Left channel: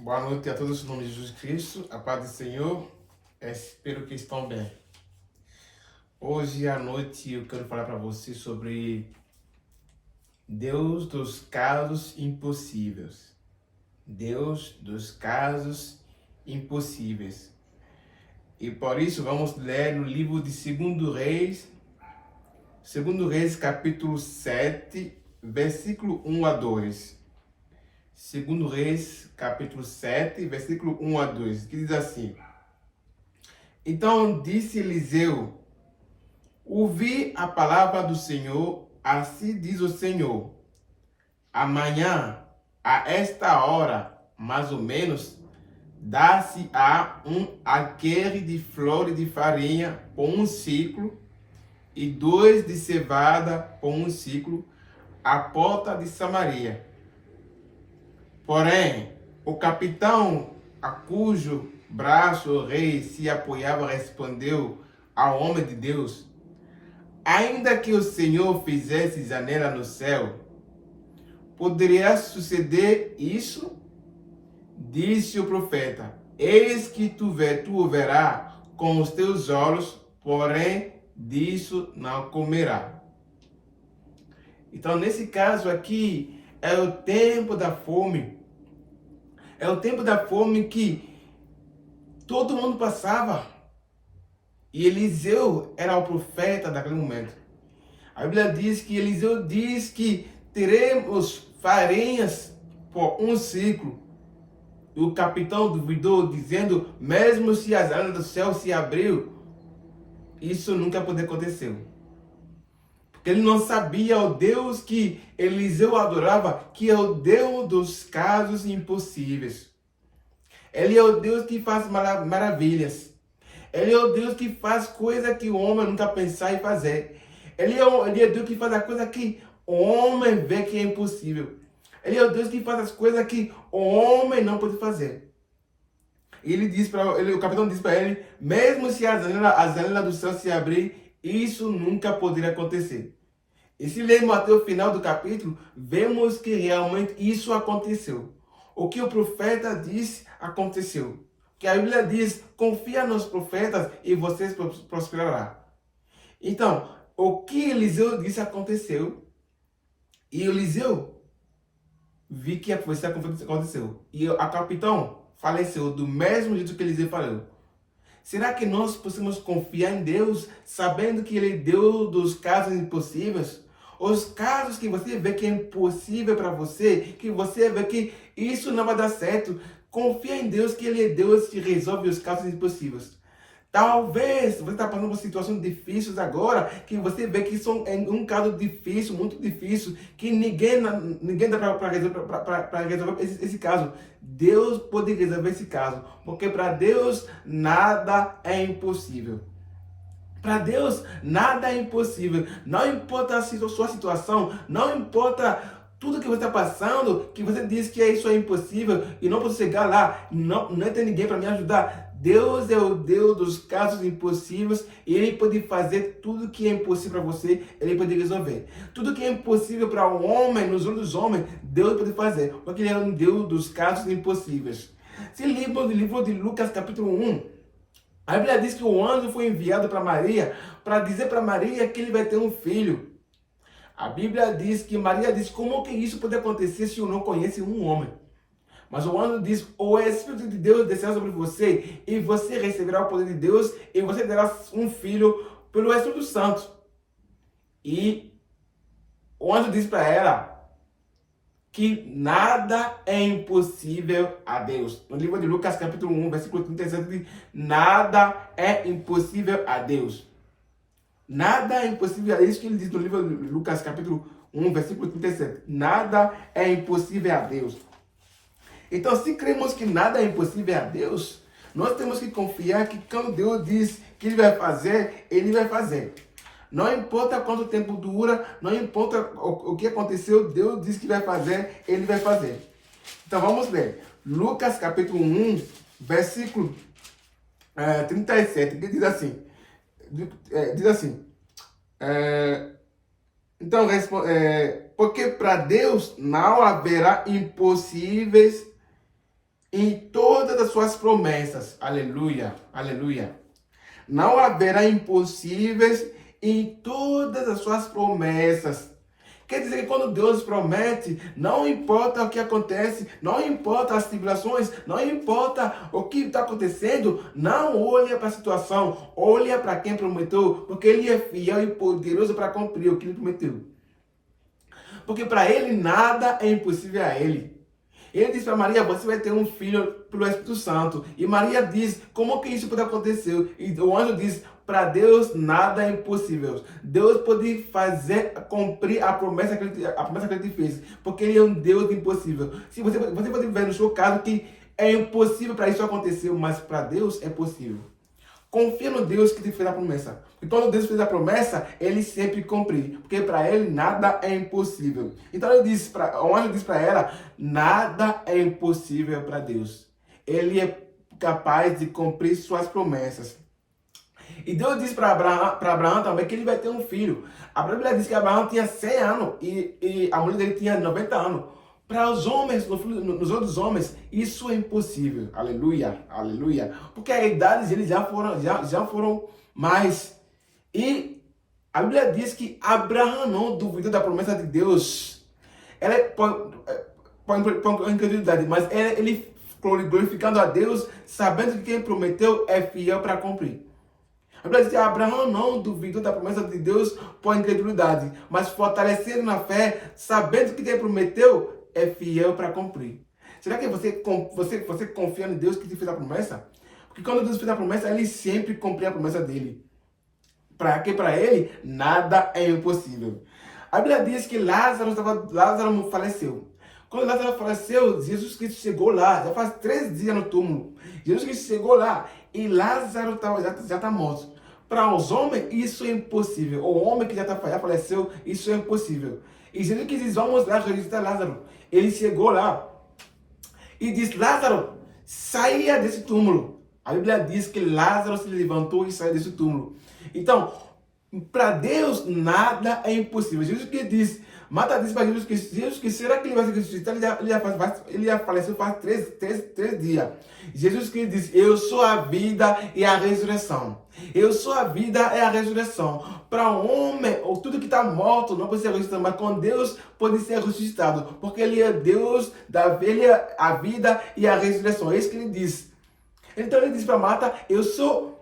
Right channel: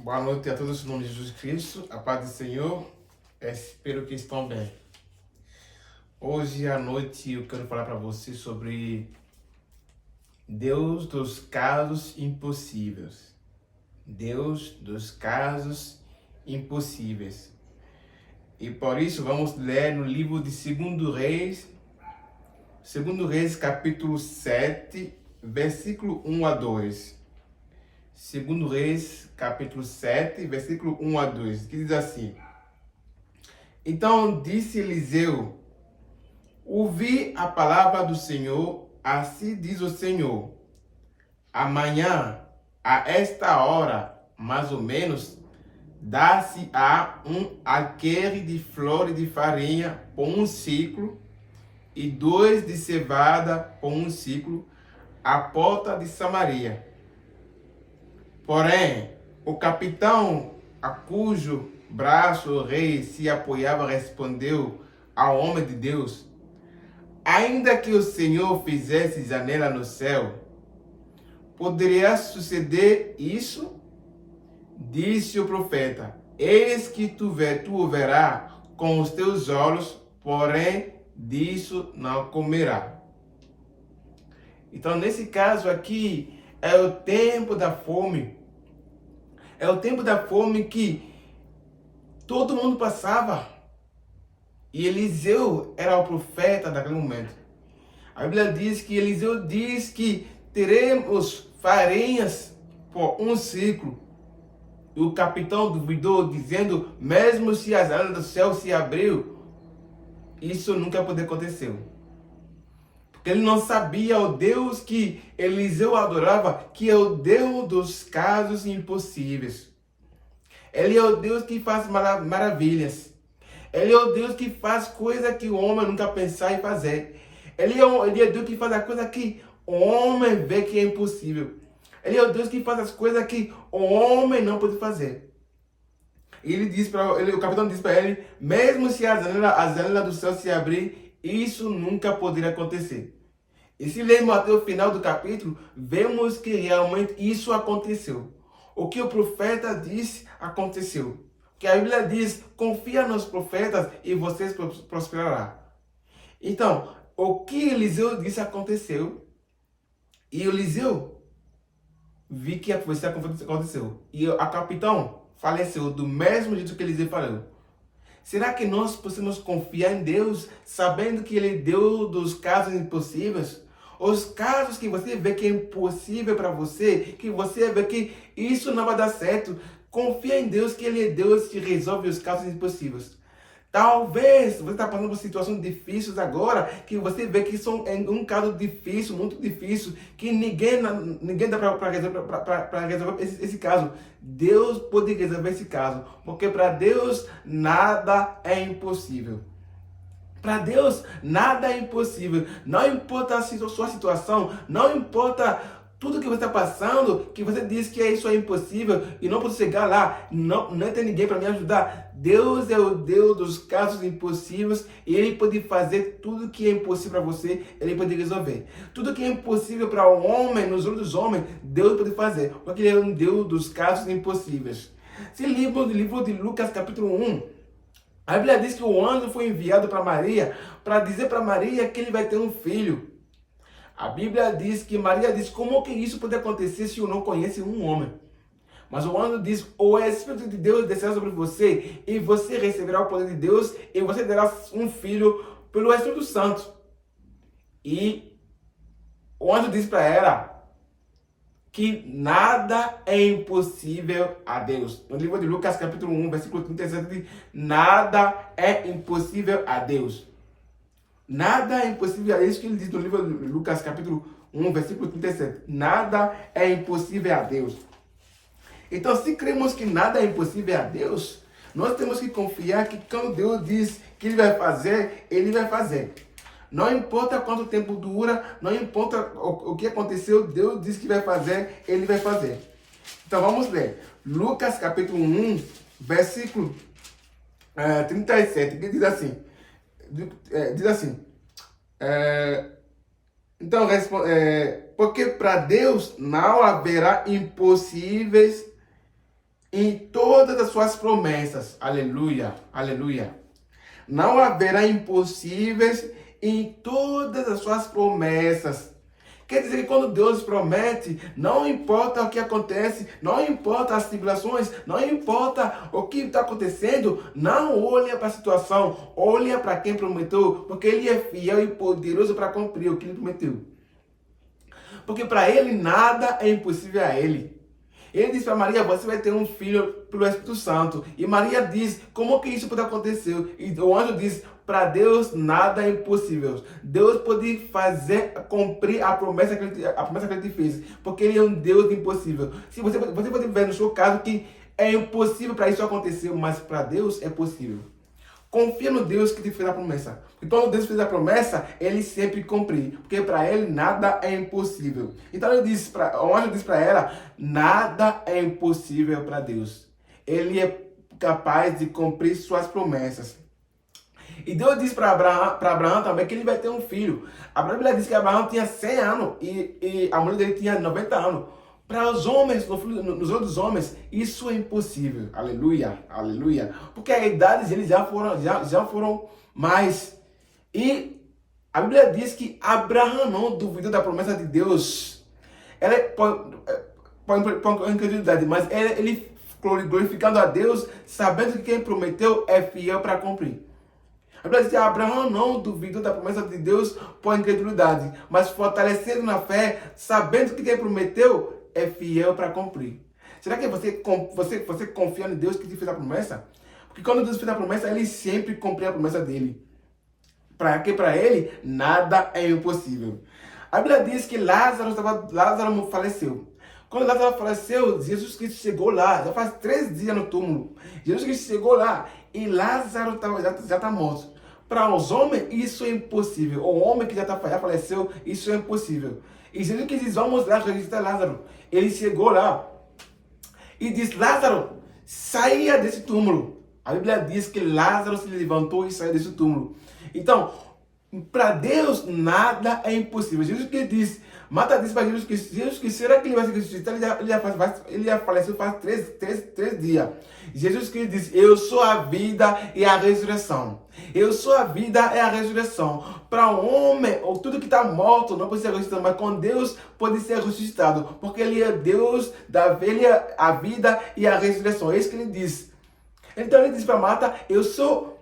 Boa noite a todos, em nome de Jesus Cristo, a paz do Senhor, espero que estão bem. Hoje à noite eu quero falar para vocês sobre Deus dos casos impossíveis. Deus dos casos impossíveis. E por isso vamos ler no livro de 2 Reis, capítulo 7, versículo 1 a 2. 2 Reis, capítulo 7, versículo 1 a 2, que diz assim: Então disse Eliseu: Ouvi a palavra do Senhor, assim diz o Senhor. Amanhã, a esta hora, mais ou menos, dá-se-á um alqueire de flores de farinha por um ciclo, e 2 de cevada por um ciclo, à porta de Samaria. Porém, o capitão a cujo braço o rei se apoiava respondeu ao homem de Deus: Ainda que o Senhor fizesse janela no céu, poderia suceder isso? Disse o profeta: Eis que tu o verás com os teus olhos, porém disso não comerá. Então, nesse caso aqui, é o tempo da fome. É o tempo da fome que todo mundo passava. E Eliseu era o profeta daquele momento. A Bíblia diz que Eliseu diz que teremos farinhas por um ciclo. E o capitão duvidou, dizendo: mesmo se as alas do céu se abriu, isso nunca poderia acontecer. Porque ele não sabia o Deus que Eliseu adorava, que é o Deus dos casos impossíveis. Ele é o Deus que faz maravilhas. Ele é o Deus que faz coisa que o homem nunca pensou em fazer. Ele é Deus que faz a coisa que o homem vê que é impossível. Ele é o Deus que faz as coisas que o homem não pode fazer. E o capitão disse para ele: mesmo se as janelas do céu se abrir, isso nunca poderia acontecer. E se lermos até o final do capítulo, vemos que realmente isso aconteceu. O que o profeta disse aconteceu. Que a Bíblia diz: confia nos profetas e vocês prosperarão. Então, o que Eliseu disse aconteceu. E Eliseu viu que a profecia aconteceu. E a capitão faleceu do mesmo jeito que Eliseu falou. Será que nós podemos confiar em Deus, sabendo que Ele é Deus dos casos impossíveis? Os casos que você vê que é impossível para você, que você vê que isso não vai dar certo, confia em Deus, que Ele é Deus que resolve os casos impossíveis. Talvez você está passando por situações difíceis agora, que você vê que são um caso difícil, muito difícil, que ninguém dá para resolver esse caso. Deus pode resolver esse caso, porque para Deus nada é impossível. Para Deus nada é impossível. Não importa a sua situação, não importa tudo que você está passando, que você diz que isso é impossível e não posso chegar lá, não tem ninguém para me ajudar. Deus é o Deus dos casos impossíveis e Ele pode fazer tudo que é impossível para você, Ele pode resolver. Tudo que é impossível para o homem, nos olhos dos homens, Deus pode fazer, porque Ele é um Deus dos casos impossíveis. Se livro do livro de Lucas, capítulo 1, a Bíblia diz que o anjo foi enviado para Maria para dizer para Maria que ele vai ter um filho. A Bíblia diz que Maria diz: como que isso pode acontecer se eu não conheço um homem? Mas o anjo diz: o Espírito de Deus descerá sobre você e você receberá o poder de Deus e você terá um filho pelo Espírito Santo. E o anjo diz para ela que nada é impossível a Deus. No livro de Lucas, capítulo 1, versículo 37, diz: nada é impossível a Deus. Nada é impossível, é isso que ele diz no livro de Lucas, capítulo 1, versículo 37. Nada é impossível a Deus. Então, se cremos que nada é impossível a Deus, nós temos que confiar que quando Deus diz que Ele vai fazer, Ele vai fazer. Não importa quanto tempo dura, não importa o que aconteceu, Deus diz que vai fazer, Ele vai fazer. Então, vamos ler. Lucas, capítulo 1, versículo 37, que diz assim. Diz assim, então, porque para Deus não haverá impossíveis em todas as suas promessas. Aleluia, aleluia. Não haverá impossíveis em todas as suas promessas. Quer dizer que quando Deus promete, não importa o que acontece, não importa as tribulações, não importa o que está acontecendo, não olhe para a situação, olhe para quem prometeu, porque Ele é fiel e poderoso para cumprir o que Ele prometeu. Porque para Ele nada é impossível a Ele. Ele disse para Maria, você vai ter um filho pelo Espírito Santo. E Maria diz, como que isso pode acontecer? E o anjo diz, para Deus nada é impossível. Deus pode fazer, cumprir a promessa que ele te fez. Porque Ele é um Deus impossível. Se você pode ver no seu caso que é impossível para isso acontecer, mas para Deus é possível. Confia no Deus que te fez a promessa. E quando Deus fez a promessa, Ele sempre cumpre. Porque para Ele nada é impossível. Então o anjo disse para ela, nada é impossível para Deus. Ele é capaz de cumprir suas promessas. E Deus disse para Abraão também que ele vai ter um filho. A Bíblia diz que Abraão tinha 100 anos e a mulher dele tinha 90 anos. Para os homens, nos outros homens, isso é impossível. Aleluia, aleluia. Porque a idade deles já foram mais. E a Bíblia diz que Abraão não duvidou da promessa de Deus. Ela põe incredulidade, mas ele glorificando a Deus, sabendo que quem prometeu é fiel para cumprir. A Bíblia diz que Abraão não duvidou da promessa de Deus por incredulidade, mas fortalecendo na fé, sabendo que quem prometeu é fiel para cumprir. Será que você confia em Deus que te fez a promessa? Porque quando Deus fez a promessa, Ele sempre cumpre a promessa dele. Para Ele, nada é impossível. A Bíblia diz que Lázaro faleceu. Quando Lázaro faleceu, Jesus Cristo chegou lá. Já faz 3 dias no túmulo. Jesus Cristo chegou lá e Lázaro já está morto. Para os homens, isso é impossível. O homem que já faleceu, isso é impossível. E Jesus que diz, vamos lá registrar Lázaro. Ele chegou lá e diz, Lázaro, saia desse túmulo. A Bíblia diz que Lázaro se levantou e saiu desse túmulo. Então, para Deus, nada é impossível. Jesus que diz, Marta disse para Jesus que será que ele vai se ressuscitar? Ele já faleceu faz 3 dias. Jesus que diz, eu sou a vida e a ressurreição. Eu sou a vida e a ressurreição. Para o homem, ou tudo que está morto não pode ser ressuscitado, mas com Deus pode ser ressuscitado. Porque Ele é Deus Ele é a vida e a ressurreição. É isso que Ele diz. Então Ele diz para Marta, eu sou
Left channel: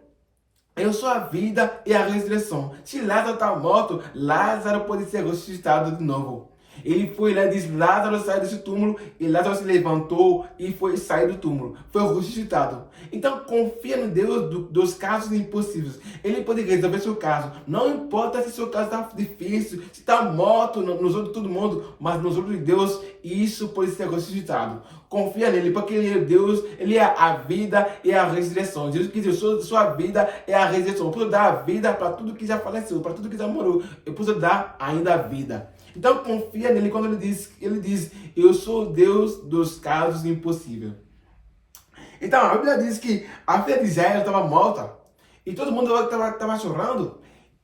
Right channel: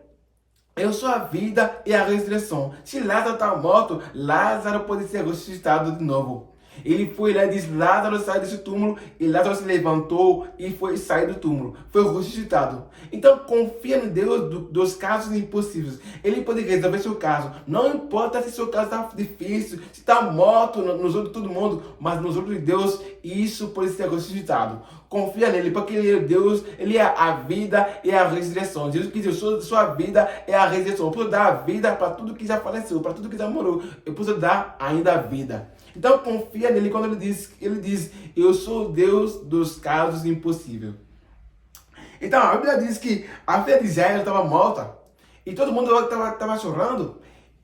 a vida e a ressurreição. Se Lázaro está morto, Lázaro pode ser ressuscitado de novo. Ele foi lá e disse, Lázaro sai desse túmulo, e Lázaro se levantou e foi sair do túmulo. Foi ressuscitado. Então confia no Deus dos casos impossíveis. Ele pode resolver seu caso. Não importa se seu caso está difícil, se está morto nos outros de todo mundo, mas nos outros de Deus, isso pode ser ressuscitado. Confia nele, porque Ele é Deus, Ele é a vida e a ressurreição. Jesus que diz, sua vida é a ressurreição. Eu posso dar a vida para tudo que já faleceu, para tudo que já morreu. Eu posso dar ainda a vida. Então confia nele quando ele diz, eu sou Deus dos casos impossíveis. Então a Bíblia diz que a filha de Israel estava morta e todo mundo estava chorando.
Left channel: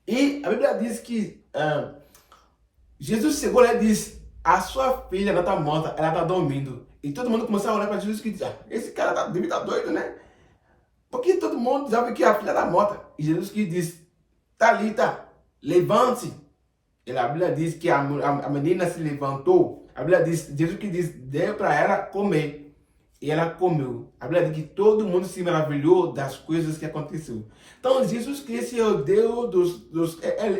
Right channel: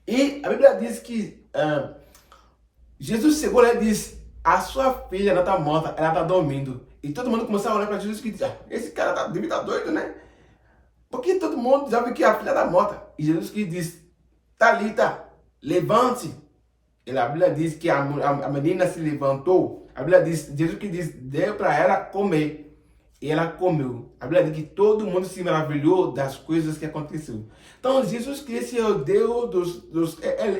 E a Bíblia diz que Jesus chegou lá e disse, a sua filha não está morta, ela está dormindo. E todo mundo começou a olhar para Jesus e disse, esse cara deve estar doido, né? Porque todo mundo já viu que a filha está morta. E Jesus que diz, Talita, levante. E a Bíblia diz que a menina se levantou. A Bíblia diz, Jesus que diz, deu para ela comer. E ela comeu. A Bíblia diz que todo mundo se maravilhou das coisas que aconteceram. Então, Jesus Cristo é o Deus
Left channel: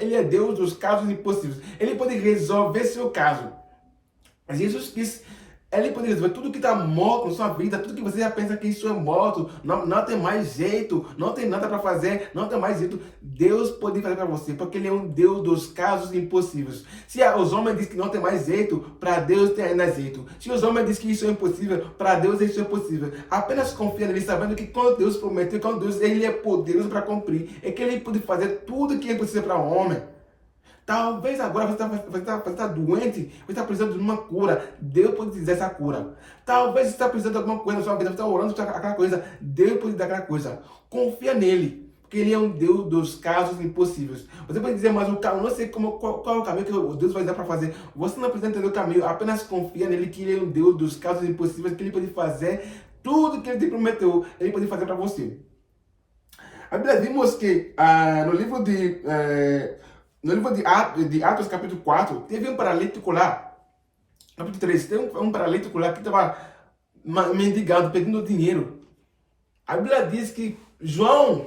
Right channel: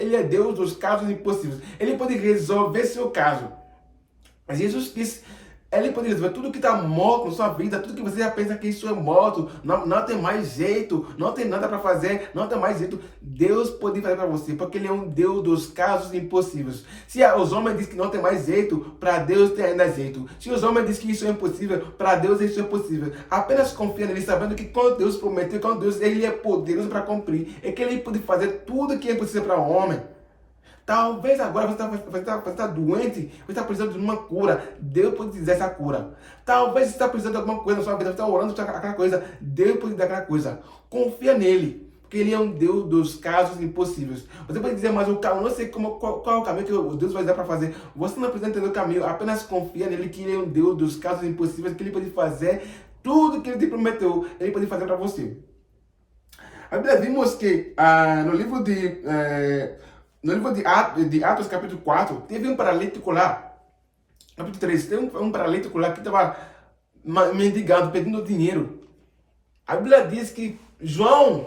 Ele é Deus dos casos impossíveis. Ele pode resolver seu caso. Jesus Cristo, Ele pode resolver tudo que está morto na sua vida, tudo que você já pensa que isso é morto, não tem mais jeito, não tem nada para fazer, não tem mais jeito. Deus pode fazer para você, porque Ele é um Deus dos casos impossíveis. Se os homens dizem que não tem mais jeito, para Deus tem ainda jeito. Se os homens dizem que isso é impossível, para Deus isso é possível. Apenas confia nele, sabendo que quando Deus prometeu, quando Deus Ele é poderoso para cumprir, é que Ele pode fazer tudo que é possível para o homem. Talvez agora você está doente, você está precisando de uma cura. Deus pode dizer essa cura. Talvez você está precisando de alguma coisa na sua vida, você está orando por aquela coisa. Deus pode dar aquela coisa. Confia nele, porque Ele é um Deus dos casos impossíveis. Você pode dizer, mas o caminho, não sei qual é o caminho que Deus vai dar para fazer. Você não precisa entender o caminho, apenas confia nele, que Ele é um Deus dos casos impossíveis, que Ele pode fazer Tudo que ele te prometeu, ele pode fazer para você. A Bíblia vimos que no livro de Atos, capítulo 4, teve um paralítico lá. Capítulo 3, tem um paralítico lá que estava mendigando, pedindo dinheiro. A Bíblia diz que João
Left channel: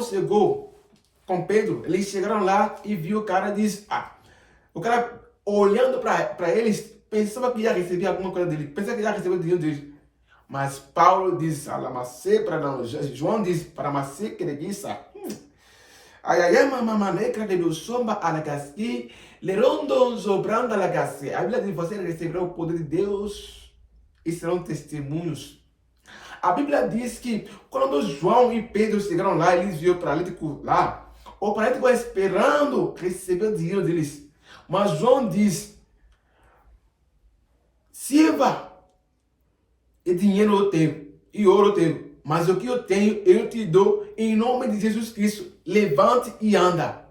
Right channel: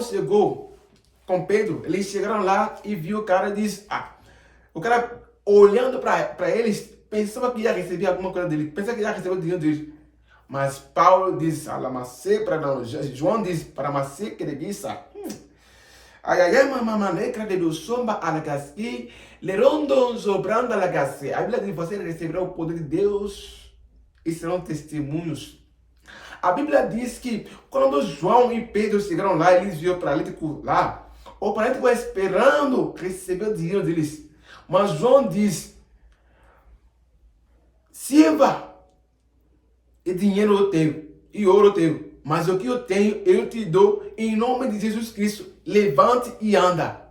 chegou com Pedro, eles chegaram lá e viu o cara e disse, o cara olhando para eles, pensava que ia receber alguma coisa dele, pensava que ia receber o dinheiro deles. Mas Paulo diz, João diz, para você que reguiça, a Bíblia diz, você receberá o poder de Deus e serão testemunhos. A Bíblia diz que quando João e Pedro chegaram lá, eles viram o paralítico lá, o paralítico esperando receber o dinheiro deles. Mas João diz, sirva, e dinheiro eu tenho, e ouro eu tenho, mas o que eu tenho, eu te dou em nome de Jesus Cristo. Levante e anda.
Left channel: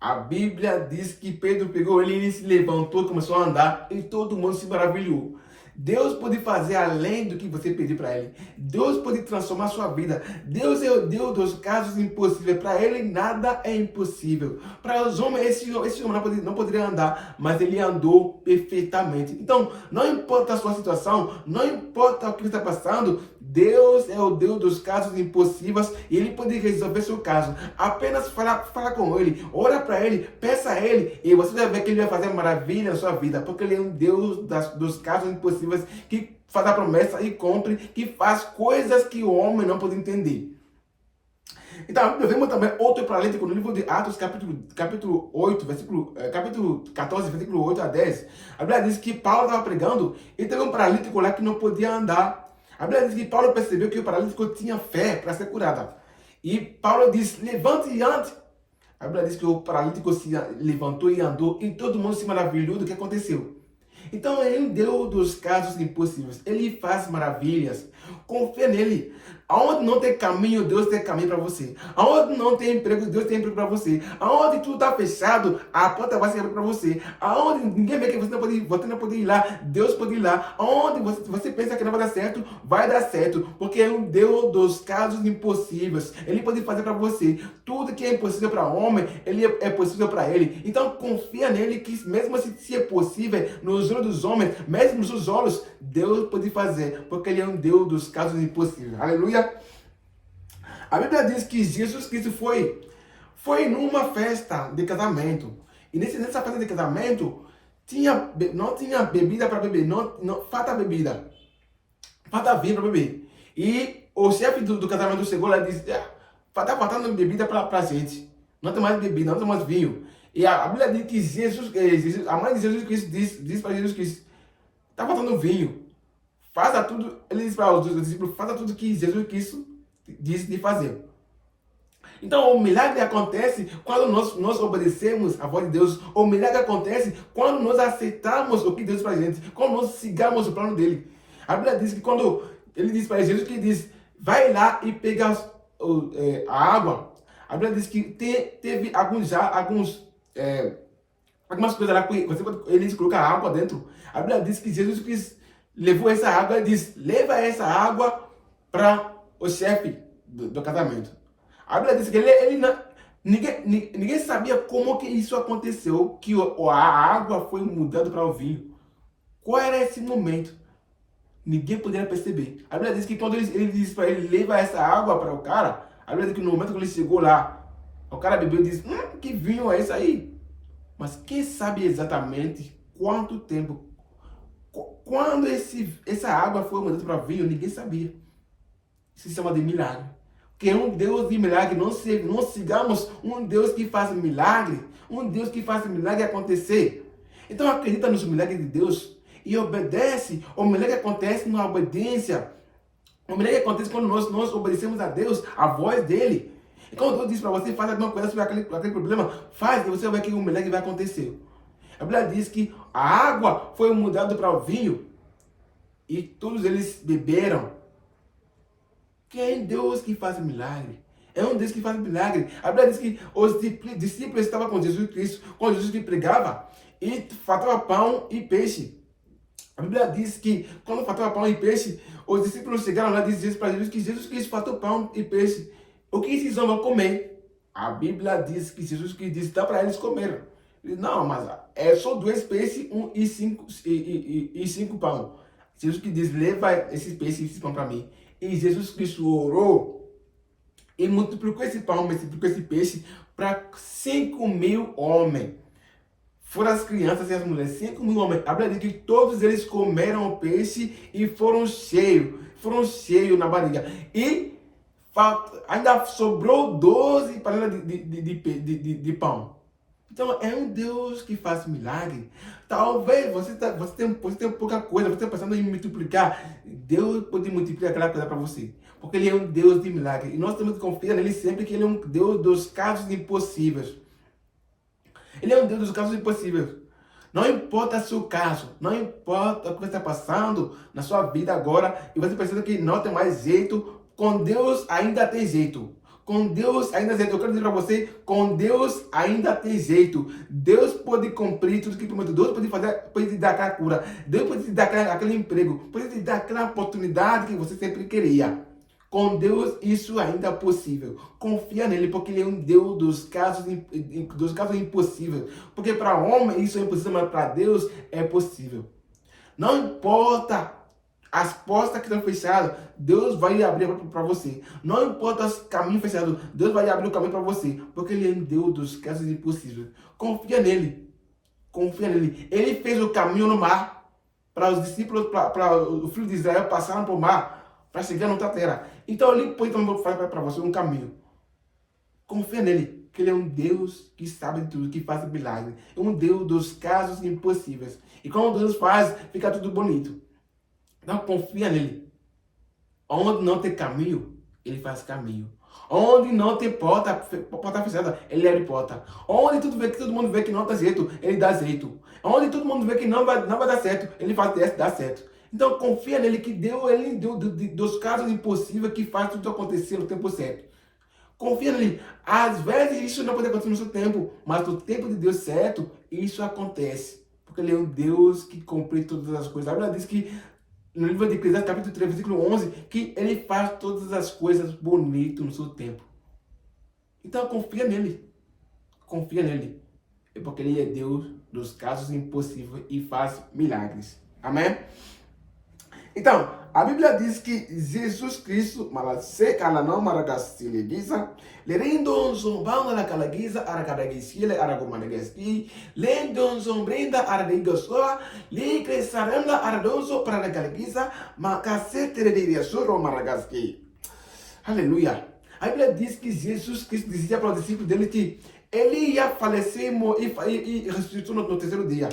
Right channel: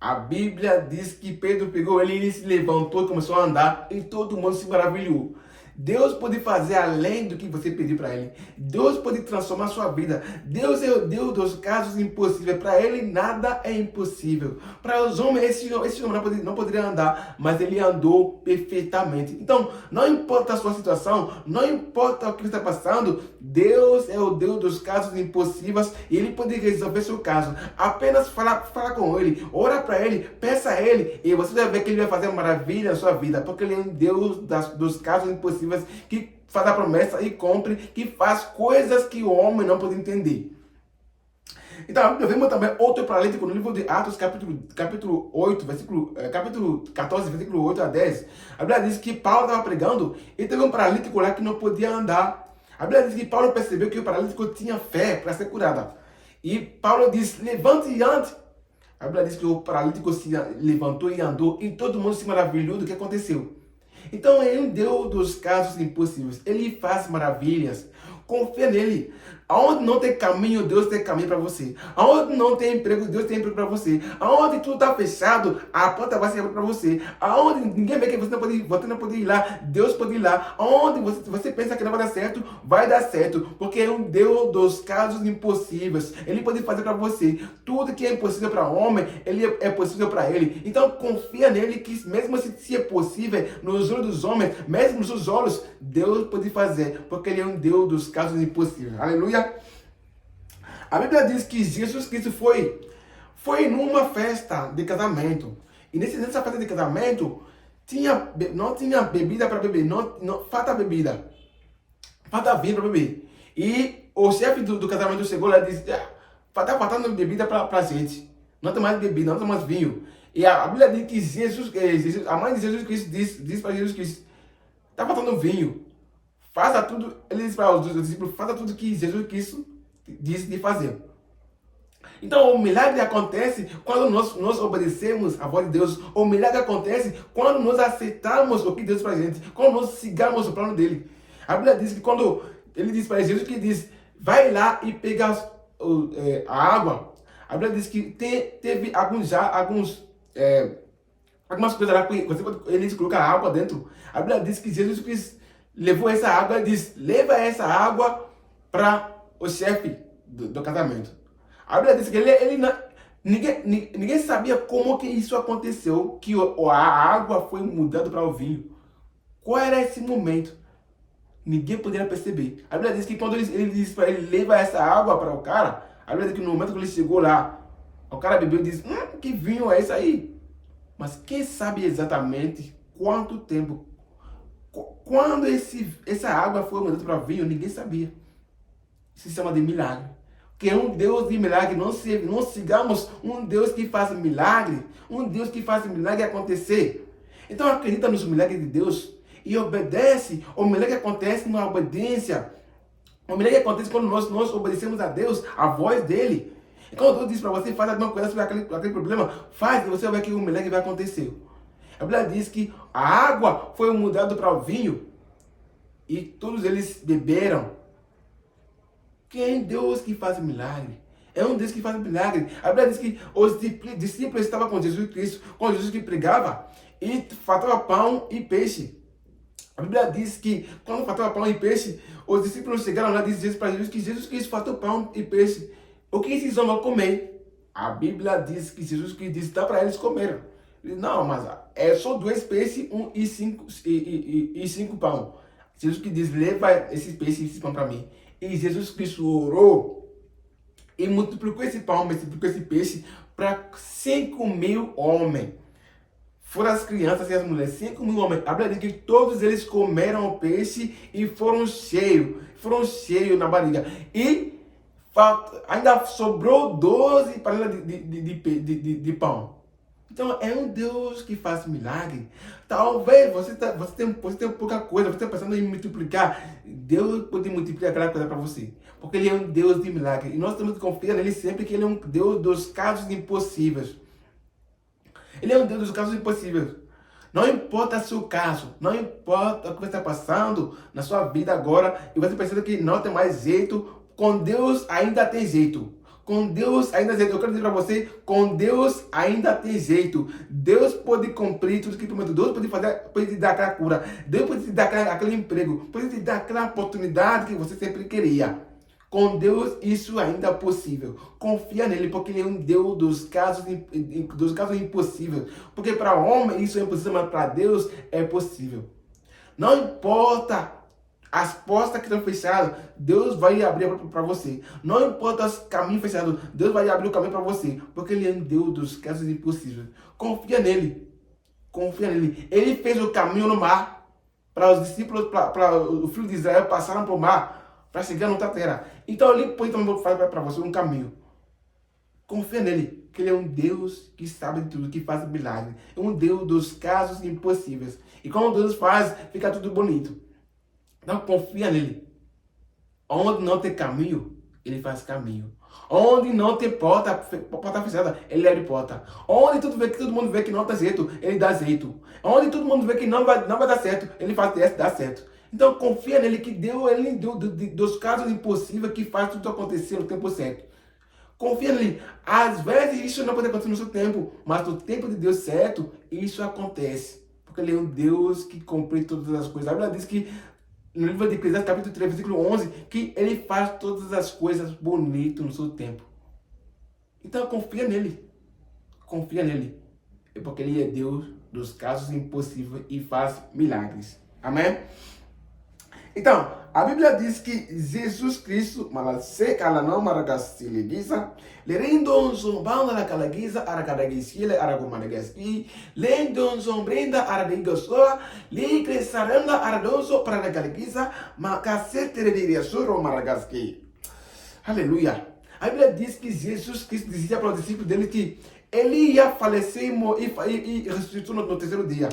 A Bíblia diz que Pedro pegou ele se levantou, começou a andar e todo mundo se maravilhou. Deus pode fazer além do que você pedir para Ele. Deus pode transformar a sua vida. Deus é o Deus dos casos impossíveis. Para Ele nada é impossível. Para os homens, esse homem não poderia andar, mas ele andou perfeitamente. Então, não importa a sua situação, não importa o que você está passando, Deus é o Deus dos casos impossíveis e Ele pode resolver seu caso. Apenas fala com Ele, ora para Ele, peça a Ele e você vai ver que Ele vai fazer maravilha na sua vida, porque Ele é um Deus dos casos impossíveis, que faz a promessa e cumpre, que faz coisas que o homem não pode entender. Então, vemos também outro paralítico no livro de Atos, capítulo 8, capítulo 14, versículo 8 a 10. A Bíblia diz que Paulo estava pregando e teve um paralítico lá que não podia andar. A Bíblia diz que Paulo percebeu que o paralítico tinha fé para ser curado. E Paulo diz, levante e ande. A Bíblia diz que o paralítico se levantou e andou e todo mundo se maravilhou do que aconteceu. Então, é um Deus dos casos impossíveis. Ele faz maravilhas. Confia nele. Aonde não tem caminho, Deus tem caminho para você. Aonde não tem emprego, Deus tem emprego para você. Aonde tudo está fechado, a porta vai se abrir para você. Aonde ninguém vê que você não pode ir lá, Deus pode ir lá. Aonde você pensa que não vai dar certo, vai dar certo. Porque é um Deus dos casos impossíveis. Ele pode fazer para você. Tudo que é impossível para o homem, ele é possível para ele. Então, confia nele que mesmo se é possível, nos olhos dos homens, mesmo nos seus olhos, Deus pode fazer. Porque ele é um Deus dos casos impossíveis. Aleluia. A Bíblia diz que Jesus Cristo foi numa festa de casamento. E nessa festa de casamento, não tinha bebida para beber. Não falta bebida. Falta vinho para beber. E o chefe do casamento chegou lá e disse, está faltando bebida para a gente. Não tem mais bebida, não tem mais vinho. E a Bíblia diz que a mãe de Jesus Cristo diz para Jesus Cristo, está faltando vinho. Faça tudo, ele diz para os discípulos, faça tudo que Jesus Cristo disse de fazer. Então, o milagre acontece quando nós obedecemos a voz de Deus. O milagre acontece quando nós aceitamos o que Deus faz para a gente, quando nós sigamos o plano dele. A Bíblia diz que quando ele diz para Jesus que diz, vai lá e pega a água. A Bíblia diz que teve algumas coisas lá que eles colocam a água dentro. A Bíblia diz que Jesus Cristo levou essa água e disse, leva essa água para o chefe do casamento. A Bíblia diz que ninguém sabia como que isso aconteceu, que a água foi mudada para o vinho. Qual era esse momento? Ninguém poderia perceber. A Bíblia diz que quando ele disse para ele, leva essa água para o cara, a Bíblia diz que no momento que ele chegou lá, o cara bebeu e disse, que vinho é esse aí? Mas quem sabe exatamente quanto tempo, quando essa água foi mudada para vinho, ninguém sabia. Isso se chama de milagre. Que é um Deus de milagre. Não sigamos um Deus que faz milagre. Um Deus que faz milagre acontecer. Então acredita nos milagres de Deus e obedece. O milagre acontece na obediência. O milagre acontece quando nós obedecemos a Deus, a voz dele. E quando Deus diz para você, faz alguma coisa sobre aquele problema, faz e você vai ver que o milagre vai acontecer. A Bíblia diz que a água foi mudada para o vinho e todos eles beberam. Quem é Deus que faz milagre? É um Deus que faz milagre. A Bíblia diz que os discípulos estavam com Jesus Cristo, com Jesus que pregava, e faltava pão e peixe. A Bíblia diz que quando faltava pão e peixe, os discípulos chegaram lá e disseram para Jesus que Jesus Cristo faltou pão e peixe. O que esses homens vão comer? A Bíblia diz que Jesus Cristo disse, dá para eles comer. Ele, não, mas é só 2 peixes e 5 pão. Jesus Cristo diz, leva esses peixes e esses pão para mim. E Jesus Cristo orou e multiplicou esse pão, multiplicou esse peixe para 5.000 homens. Foram as crianças e as mulheres, 5.000 homens. A Bíblia diz que todos eles comeram o peixe e foram cheios na barriga. E ainda sobrou 12 panelas de pão. Então é um Deus que faz milagre. Talvez você tem pouca coisa, você está pensando em multiplicar. Deus pode multiplicar aquela coisa para você. Porque Ele é um Deus de milagre. E nós temos que confiar nele sempre que Ele é um Deus dos casos impossíveis. Ele é um Deus dos casos impossíveis. Não importa o seu caso, não importa o que você está passando na sua vida agora, e você pensa que não tem mais jeito, com Deus ainda tem jeito. Com Deus ainda tem jeito. Eu quero dizer para você, com Deus ainda tem jeito. Deus pode cumprir tudo que prometeu. Deus pode te dar aquela cura. Deus pode te dar aquele emprego. Pode te dar aquela oportunidade que você sempre queria. Com Deus isso ainda é possível. Confia nele, porque ele é um Deus dos casos impossíveis. Porque para o homem isso é impossível, mas para Deus é possível. Não importa as portas que estão fechadas, Deus vai abrir para você. Não importa os caminhos fechados, Deus vai abrir o caminho para você. Porque ele é um Deus dos casos impossíveis. Confia nele. Confia nele. Ele fez o caminho no mar. Para os discípulos, para o filho de Israel passaram por mar para chegar na outra terra. Então ele pode também fazer para você um caminho. Confia nele, que ele é um Deus que sabe de tudo, que faz milagre. É um Deus dos casos impossíveis. E quando Deus faz, fica tudo bonito. Então confia nele. Onde não tem caminho, ele faz caminho. Onde não tem porta fechada, ele abre porta. Onde todo mundo vê que não dá jeito, ele dá jeito. Onde todo mundo vê que não vai dar certo, ele faz dar certo. Então confia nele, que Deus, ele deu dos casos impossíveis que faz tudo acontecer no tempo certo. Confia nele. Às vezes isso não pode acontecer no seu tempo, mas no tempo de Deus certo, isso acontece. Porque ele é um Deus que cumpre todas as coisas. A Bíblia diz que no livro de Eclesiastes, capítulo 3, versículo 11, que ele faz todas as coisas bonitas no seu tempo. Então confia nele. Confia nele. É porque ele é Deus dos casos impossíveis e faz milagres. Amém? Então, a Bíblia diz que Jesus Cristo, malaseca la não maragastile guisa, lerindon zombanda la calaguisa, aracadagisile, aragomanagaski, lendon zombrenda, aradigosoa, ligresaranda, aradoso, para la calaguisa, macacete de suro maragaski. Aleluia. A Bíblia diz que Jesus Cristo dizia para os discípulos dele que ele ia falecer e ressuscitou no terceiro dia.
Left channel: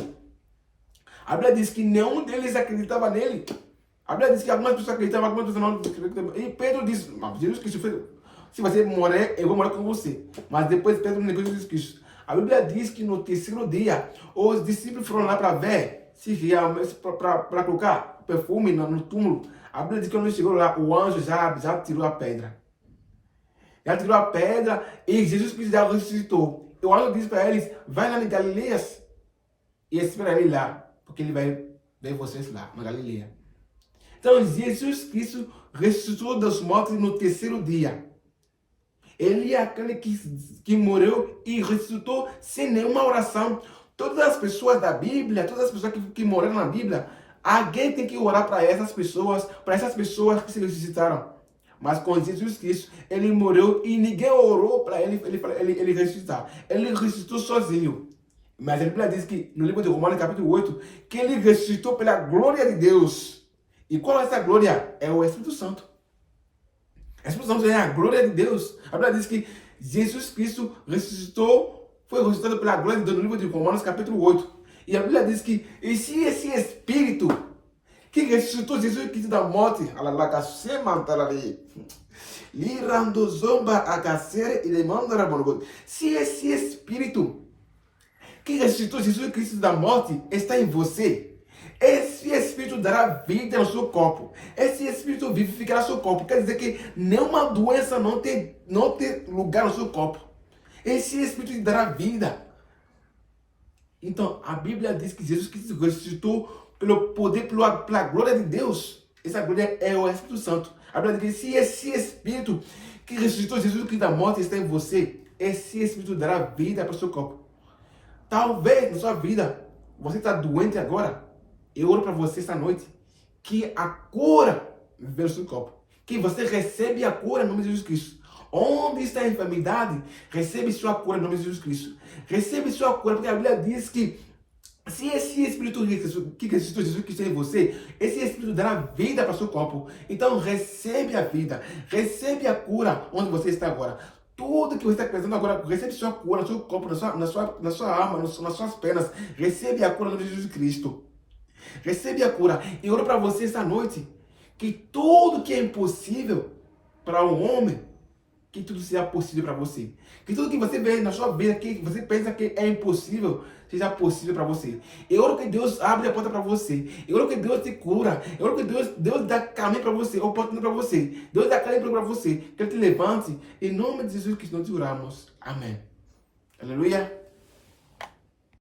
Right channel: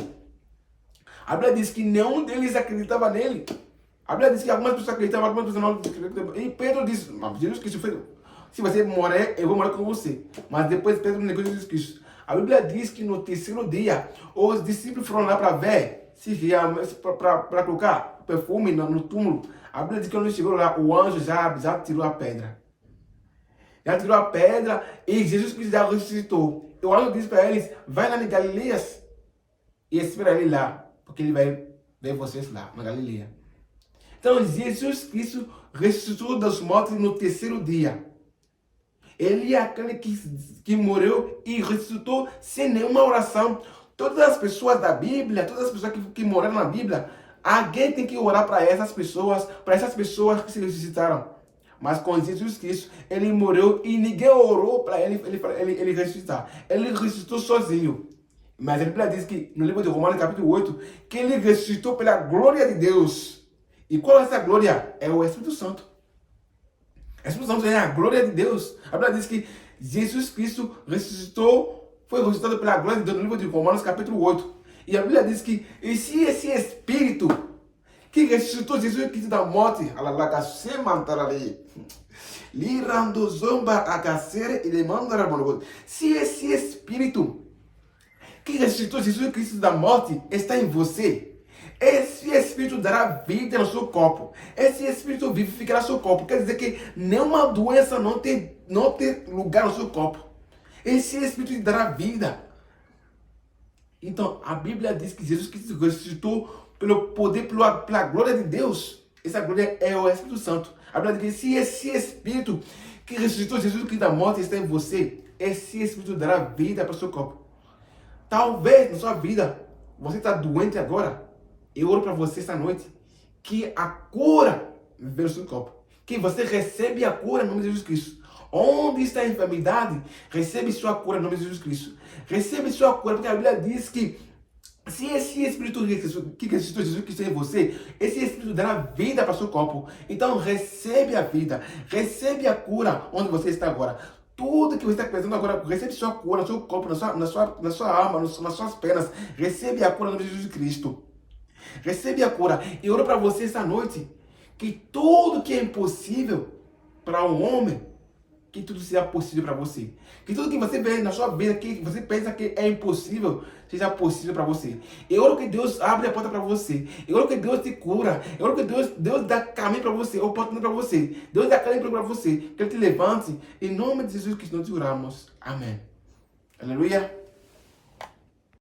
A Bíblia diz que nenhum deles acreditava nele. A Bíblia diz que algumas pessoas acreditavam, algumas pessoas não acreditavam. E Pedro disse, mas Jesus Cristo fez, se você morrer, eu vou morrer com você. Mas depois Pedro negou Jesus Cristo. A Bíblia diz que no terceiro dia, os discípulos foram lá para ver, se realmente, para colocar perfume no túmulo. A Bíblia diz que quando chegou lá, o anjo já tirou a pedra. Já tirou a pedra e Jesus Cristo já ressuscitou. E o anjo disse para eles, vai lá em Galileias e espera ele lá, porque ele vai ver vocês lá, na Galileia. Então, Jesus Cristo ressuscitou dos mortos no terceiro dia. Ele é aquele que morreu e ressuscitou sem nenhuma oração. Todas as pessoas da Bíblia, todas as pessoas que morreram na Bíblia, alguém tem que orar para essas pessoas que se ressuscitaram. Mas com Jesus Cristo, ele morreu e ninguém orou para ele ressuscitar. Ele ressuscitou sozinho. Mas a Bíblia diz que, no livro de Romanos, capítulo 8, que ele ressuscitou pela glória de Deus. E qual é essa glória? É o Espírito Santo. O Espírito Santo é a glória de Deus. A Bíblia diz que Jesus Cristo foi ressuscitado pela glória de Deus no livro de Romanos, capítulo 8. E a Bíblia diz que esse Espírito que ressuscitou Jesus Cristo da morte, se esse Espírito que ressuscitou Jesus Cristo da morte está em você, esse Espírito dará vida no seu corpo. Esse Espírito vivificará seu corpo. Quer dizer que nenhuma doença não tem lugar no seu corpo. Esse Espírito te dará vida. Então, a Bíblia diz que Jesus Cristo ressuscitou pelo poder, pela glória de Deus. Essa glória é o Espírito Santo. A Bíblia diz que se esse Espírito que ressuscitou Jesus Cristo da morte está em você, esse Espírito dará vida para o seu corpo. Talvez na sua vida, você está doente agora. Eu oro para você esta noite que a cura venha no seu corpo. Que você recebe a cura no nome de Jesus Cristo. Onde está a enfermidade, recebe sua cura no nome de Jesus Cristo. Recebe sua cura, porque a Bíblia diz que se esse Espírito que ressuscitou Jesus Cristo em você, esse Espírito dará vida para o seu corpo. Então recebe a vida, recebe a cura onde você está agora. Tudo que você está pensando agora, recebe sua cura no seu corpo, na sua alma, nas suas pernas. Recebe a cura no nome de Jesus Cristo. Recebe a cura. E oro para você esta noite que tudo que é impossível para um homem, que tudo seja possível para você. Que tudo que você vê na sua vida, que você pensa que é impossível, seja possível para você. Eu oro que Deus abre a porta para você. Eu oro que Deus te cura. Eu oro que Deus dá caminho para você, oportunidade para você. Deus dá caminho para você. Que Ele te levante. Em nome de Jesus que nós te oramos. Amém. Aleluia.